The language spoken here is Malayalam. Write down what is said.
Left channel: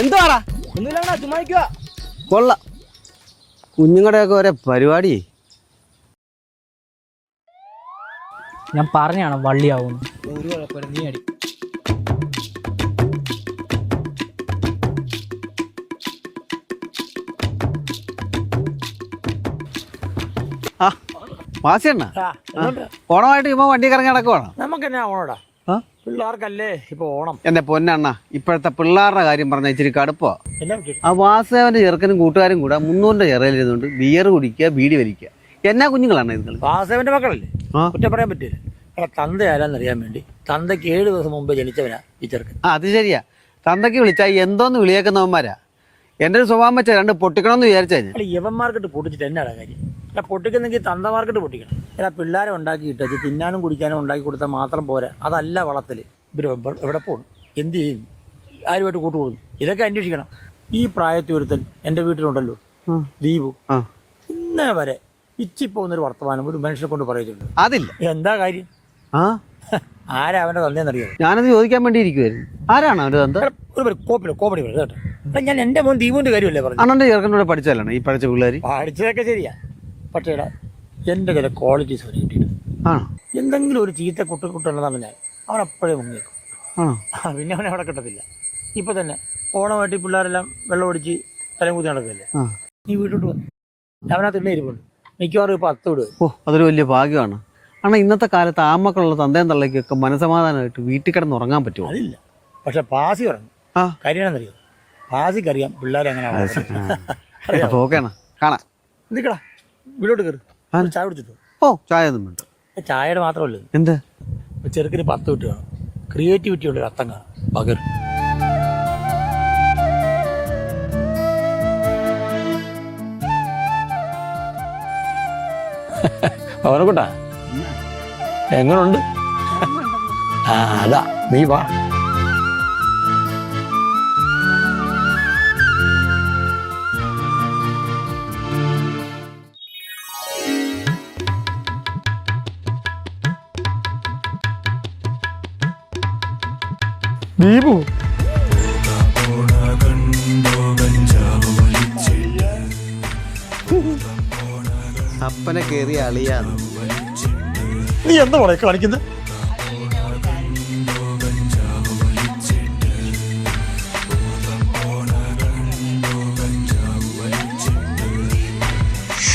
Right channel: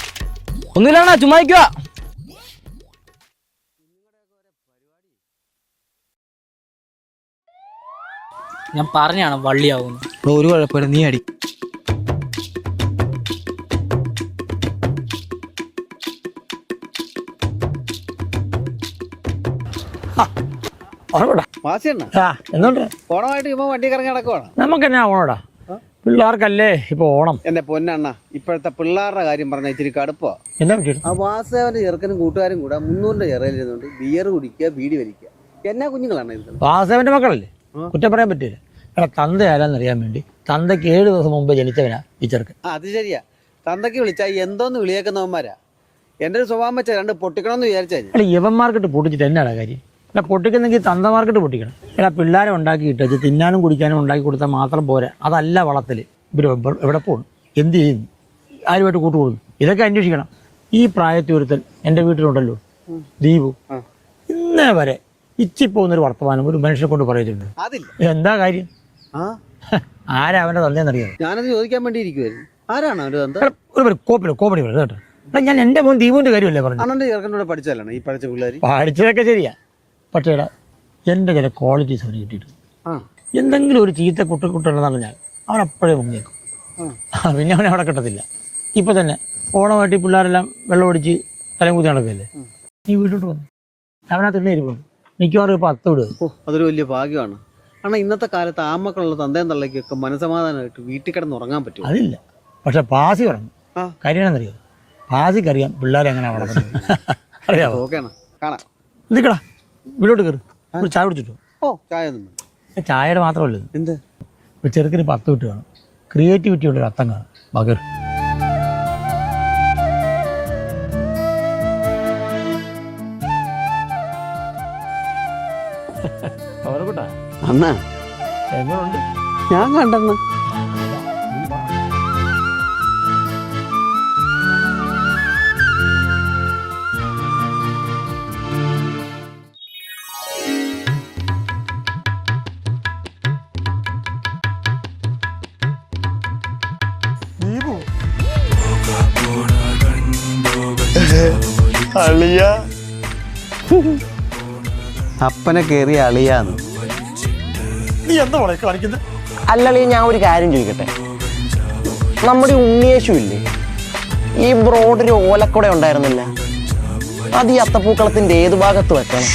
എന്തുവാടാ? ഒന്നുമില്ലാണ ചുമ്മാ കൊള്ള. കുഞ്ഞുങ്ങളുടെയൊക്കെ ഒരേ പരിപാടി. ഞാൻ പറഞ്ഞാണ് വള്ളിയാവുന്നു. ഇപ്പൊ ഒരു കുഴപ്പമില്ല. നീ അടി. ഓണമായിട്ട് ഇപ്പൊ വണ്ടി കറങ്ങി നടക്കുവാണ്? നമുക്ക് എന്നാ ഓണോടാ? പിള്ളേർക്കല്ലേ ഇപ്പൊ ഓണം? എന്റെ പൊന്നണ്ണ ഇപ്പോഴത്തെ പിള്ളേരുടെ കാര്യം പറഞ്ഞ ഇച്ചിരി കടുപ്പോ. ആ വാസുദേവന്റെ ചെറുക്കനും കൂട്ടുകാരും കൂടെ മുന്നൂറിന്റെ ചെറയിലിരുന്നുകൊണ്ട് ബിയർ കുടിക്കുക ബീഡി വലിക്കുക. എന്നാ കുഞ്ഞുങ്ങളാണ് ഇരുന്നത്? വാസുദേവന്റെ മക്കളല്ലേ. കുറ്റം പറയാൻ പറ്റില്ല എടാ തന്ത ആരാന്നറിയാൻ വേണ്ടി. തന്തയ്ക്ക് ഏഴ് ദിവസം മുമ്പ് ജനിച്ചവനാ ഈ ചെറുക്കൻ. ആ അത് ശരിയാ. തന്തയ്ക്ക് വിളിച്ചാ എന്തോന്ന് വിളിയേക്കുന്നവന്മാരാ? എന്റെ ഒരു സ്വഭാവം വെച്ചാൽ രണ്ട് പൊട്ടിക്കണമെന്ന് വിചാരിച്ചാൽ ഇവന്മാർക്കിട്ട് പൊട്ടിച്ചിട്ട് എന്നാണ് കാര്യം? എടാ പൊട്ടിക്കുന്നെങ്കിൽ തന്ത മാർക്കറ്റ് പൊട്ടിക്കണം. എടാ പിള്ളേരെ ഉണ്ടാക്കിയിട്ട് ഇത് തിന്നാനും കുടിക്കാനും ഉണ്ടാക്കി കൊടുത്താൽ മാത്രം പോരാ. അതല്ല വളത്തിൽ. ഇവർ എവിടെ പോകും എന്ത് ചെയ്യും? ആരുമായിട്ട് കൂട്ടുകൂടുന്നു? ഇതൊക്കെ അന്വേഷിക്കണം. ഈ പ്രായത്തിൽ ഒരുത്തൻ എന്റെ വീട്ടിലുണ്ടല്ലോ ദീപു. ഇന്നേ വരെ ഇച്ചി പോകുന്നൊരു വർത്തമാനം ഒരു മനുഷ്യനെ കൊണ്ട് പറയുന്നുണ്ട് അതില്ല. എന്താ കാര്യം? ആ? ആരാ അവന്റെ തന്നെയെന്നറിയാം ഞാനത് ചോദിക്കാൻ വേണ്ടി ഇരിക്കുവായിരുന്നു. ആരാണ് അവന്റെ തന്ത? ഒരു കോമഡി പറയും കേട്ടോ. ഞാൻ എന്റെ മോൻ ദീപുവിന്റെ കാര്യമല്ലേ പറഞ്ഞു അണ്ണന്റെ കൂടെ പഠിച്ചാലാണ് ഈ പഠിച്ച പിള്ളേർ പഠിച്ചതൊക്കെ ശരിയാ. പക്ഷേ എടാ എന്റെ ചില ക്വാളിറ്റീസ് അവന് കിട്ടിയിട്ടുണ്ട്. ആണോ? എന്തെങ്കിലും ഒരു ചീത്ത കുട്ടി കുട്ടുണ്ടെന്നാണ് ഞാൻ. അവൻ അപ്പോഴേ മുങ്ങിയേക്കും ആണോ? ആ, പിന്നെ അവനെ അവിടെ കിട്ടത്തില്ല. ഇപ്പം തന്നെ ഓണമായിട്ട് ഈ പിള്ളേരെല്ലാം വെള്ളം ഒടിച്ച് തലം കുത്തി നടക്കില്ലേ ആ. നീ വീട്ടിലോട്ട് വന്നു. അവനകത്ത് ഇണ്ണ ഇരിപ്പുണ്ട്. മിക്കവാറും ഇപ്പോൾ അത്ത വിടുക ഓ അതൊരു വലിയ ഭാഗ്യമാണ്. കാരണം ഇന്നത്തെ കാലത്ത് ആമക്കളുള്ള തന്തയും തള്ളയ്ക്കൊക്കെ മനസമാധാനമായിട്ട് വീട്ടിൽ കിടന്ന് ഉറങ്ങാൻ പറ്റും അതില്ല. പക്ഷെ പാസി ഉറങ്ങും. ആ. കാര്യമാണെന്നറിയോ പാസിക്കറിയാം പിള്ളേരെ എങ്ങനെയാണ് വളർത്തുന്നത് അറിയാമോ ഓക്കെയാണ് കാണാം. നിൽക്കടാ കയറി ഒരു ചായ കുടിച്ചിട്ടു ഓ. ചായ ഒന്നും വേണ്ട. ചായയുടെ മാത്രമല്ല? ഉള്ളൂ എന്താ? ഇപ്പൊ ചെറുക്കിന് പത്ത് വിട്ട് വേണം. ക്രിയേറ്റിവിറ്റി ഉള്ള ഒരു അത്തം കാണാം. പകൽ. അവനെക്കൊണ്ടാ അണ്ണാ എങ്ങനുണ്ട്? ഞാൻ കണ്ടെന്ന്. ആ അതാ. നീ വാ. ദീപു. അപ്പനെ കേറിയ അളിയാന്ന്. നീ എന്താ പറയാ കാണിക്കുന്നത് അല്ലളിയ ഞാൻ ഒരു കാര്യം ചോദിക്കട്ടെ? നമ്മുടെ ഉണ്ണിയേശു ഇല്ലേ? ഈ ബ്രോഡിൽ ഓലക്കുട ഉണ്ടായിരുന്നില്ല? അത് ഈ അത്തപ്പൂക്കളത്തിന്റെ ഏത് ഭാഗത്ത് വെക്കണം?